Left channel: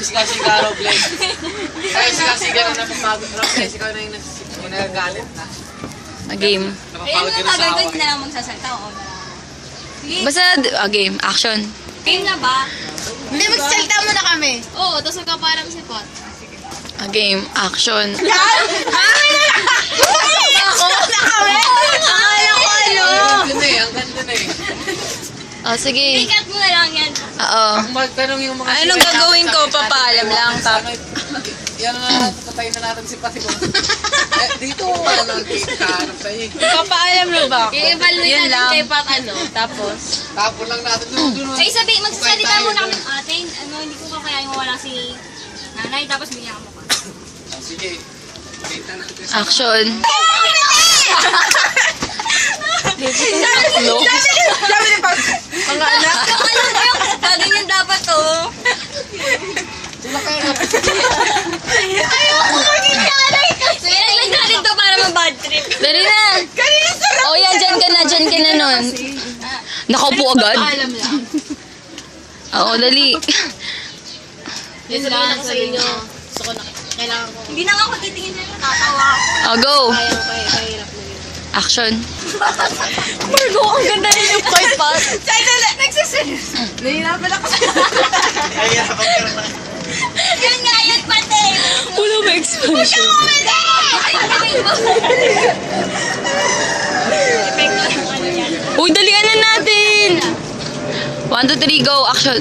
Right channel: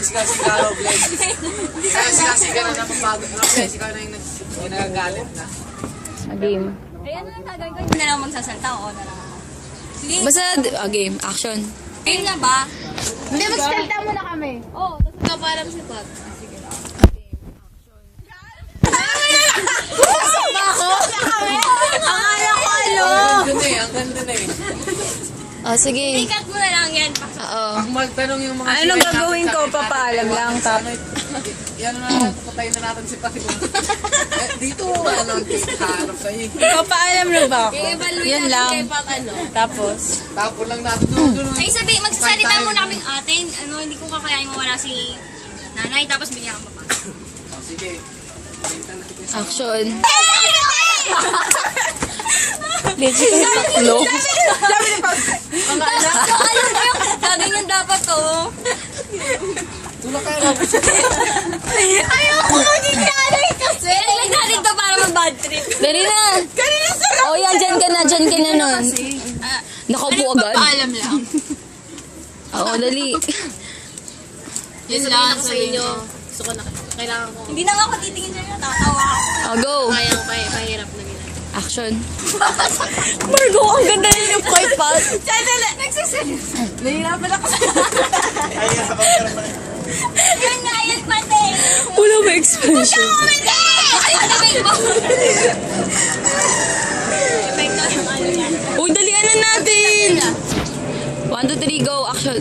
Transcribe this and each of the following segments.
Sigaw-sigaw, Glenn. Ay, sigaw-sigaw na magpagod. Sigaw-sigaw na yung nagagalit na. Game. Kaya ano gagawin ko, hindi na lang magsasalta o na lang ako. Sige, Basta, game. Action. game na ba? Hindi, magsalita muna kami. Oo, tapos magkaparang si Pot. Game. Action. Ang ganda eh, ang ganda na eh. Oh, sige. Ikat mo na lang yan. Oo. Kung magtanong yung mga... Anong gagawin ko? Papaalam lang. Yan na, patayin na natin si Pati. Dito, ano, kaharap sa inyo. Papaalam na ba ako? I-evaluate Yan natin lang. kay Pat ano. Tapos? Tapon lang natin doon. Ay sabi, magsasalita muna kami ng atin. Ano, hindi ko kakayain mawala si nanay, tapos bigyan kang papa. Sige. Kita natin. Action. Ang anak. Yung alam mo yung gaganyan dapat to. Sila kayo. Ayoko maging nanay kasi. Kailangan natin to para mag-bad trip. Dali na. Oh, yan. Dyan ka na. Dyan ka na nun. Nakaupo agad? Alam lang. Oo, dali. Yun lang sa inyo. Gusto ko na, kailangan ko. Hindi na nga ako titingin na yun. Tatawa ako. Oh, go. Kaya ko kahirap na yun. Action. Margo, ang ganda rin yung point pass. Sandali, nagsiseryoso. Nahihirapan ako. Yun nga, yun pati. Wala ba expression? Kumede! Epekto ng ano yan. Uy, dalian na natin. 1, 2, 3, go. Action.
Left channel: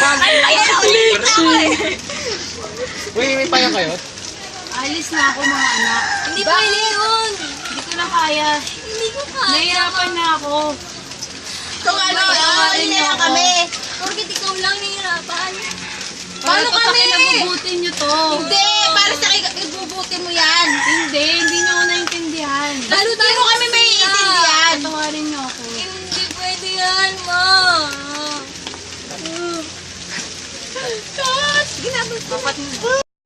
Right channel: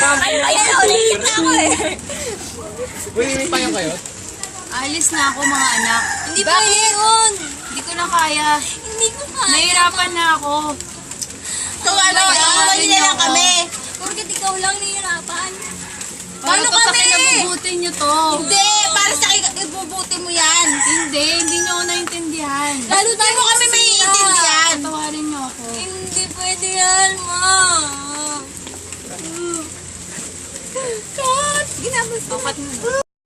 Ayan, ulit na ako eh. Uy, may payo kayo? Alis na ako mga anak. Hindi pa yun. Hindi ko na kaya. Hindi ko kaya. Nahihirapan na ako. Kung ano, Patawarin niyo ako. Bakit ikaw lang nahihirapan? Paano Paano ko sa kami? kinabubuti niyo to? Hindi!